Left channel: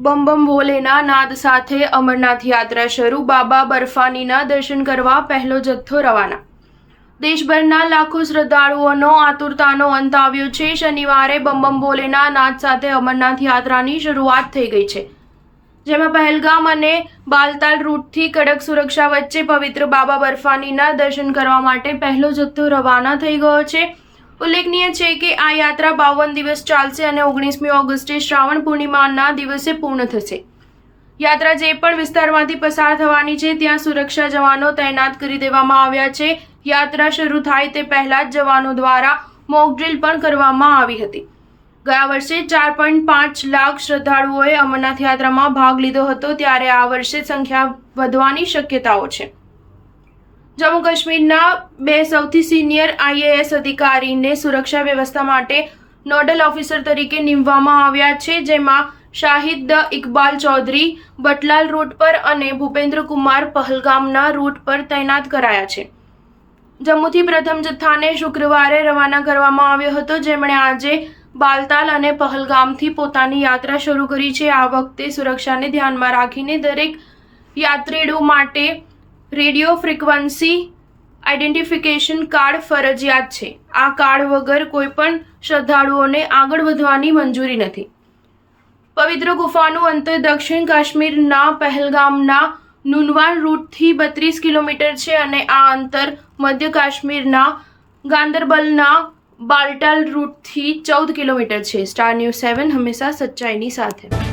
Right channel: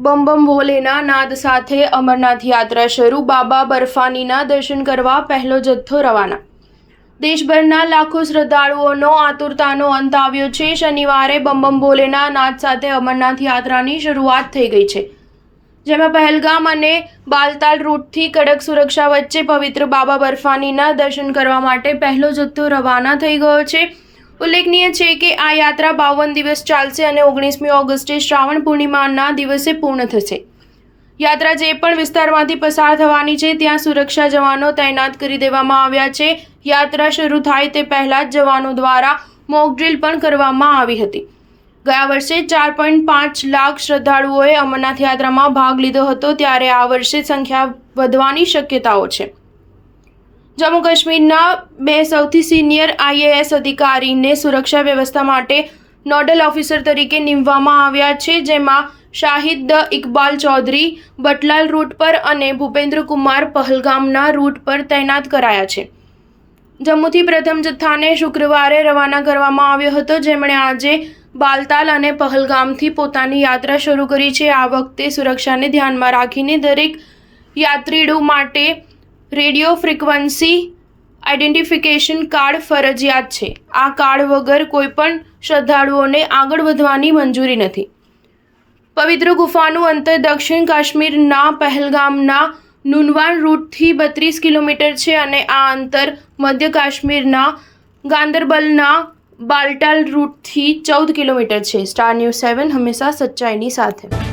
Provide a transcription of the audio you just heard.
બમ બમ ભોલેના નાદ સાથે અમરનાથ યાત્રા શરૂ। બાબા બર્ફાનીના દર્શન કરવા પહેલો જથ્થો રવાના। દેશભરના લાખો શ્રદ્ધાળુઓનો આતુરતાનો અંત આવ્યો છે। શનિવારે બમ બમ ભોલેના નાદ સાથે અમરનાથ યાત્રાની શરૂઆત થઈ ગઈ છે, જેમાં પહેલગામ અને બાલતાલ રૂટથી કડક સુરક્ષા વચ્ચે પવિત્ર બાબા બર્ફાનીના દર્શન કરવા માટે પહેલો જથ્થો રવાના થઈ ગયો છે। ઉલ્લેખનીય છે કે આ યાત્રા 52 દિવસ ચાલશે અને 19મી ઓગસ્ટે શ્રાવણ પૂર્ણિમાના દિવસે પૂર્ણ થશે। યાત્રા જે પણ વિસ્તારમાંથી પસાર થવાની છે ત્યાં સુરક્ષા જવાનો તૈનાત કરી દેવામાં આવ્યા છે। યાત્રા શરૂ થાય તે પહેલા જ જવાનો દ્વારા મોક ડ્રીલ પણ કરવામાં આવી હતી। ગયા વર્ષે 4.5 લાખ શ્રદ્ધાળુઓએ અમરનાથ યાત્રામાં ભાગ લીધો હતો, ત્યારે આ વર્ષે સંખ્યા વધવાની શક્યતાઓ છે। જમ્મુ કાશ્મીરના 2 સૌથી સિનિયર IAS અધિકારીને સુરક્ષા વ્યવસ્થા માટે નોડલ ઓફિસર તરીકે નિમવામાં આવ્યા છે, જેમાં શાહિદ ઇકબાલ ચૌધરી બટલાલ રૂટ પર અને ભૂપેન્દ્ર કુમાર પહલગામના રૂટ પર તૈનાત કરાયા છે। જમ્મુથી પ્રથમ જથ્થાને શુક્રવારે રવાના કરવામાં આવ્યો હતો, જેમણે આજે બાલતાલ અને પહલગામથી પોતાની યાત્રા શરૂ કરી છે। આ વખતે સુરક્ષાને ધ્યાનમાં રાખીને દરેક યાત્રીઓ માટે રેડિયો ફ્રીક્વન્સી આઇડેન્ટિફિકેશન કાર્ડ ફરજિયાત છે। આ કાર્ડ વગર કોઈપણ શ્રદ્ધાળુઓને આગળ વધવાની મંજૂરી નથી। પવિત્ર ગુફાનું અંતર દક્ષિણ કાશ્મીરના પહેલગામના નુનવાન રૂટથી 32 કિલોમીટર છે અને આ અંતર મધ્ય કાશ્મીરના ગાંદરબલના બાલટાલ રૂટથી 14 કિલોમીટર છે। સ્ટાર ન્યૂઝ 7 હંમેશા સચ્ચાઈની સાથે।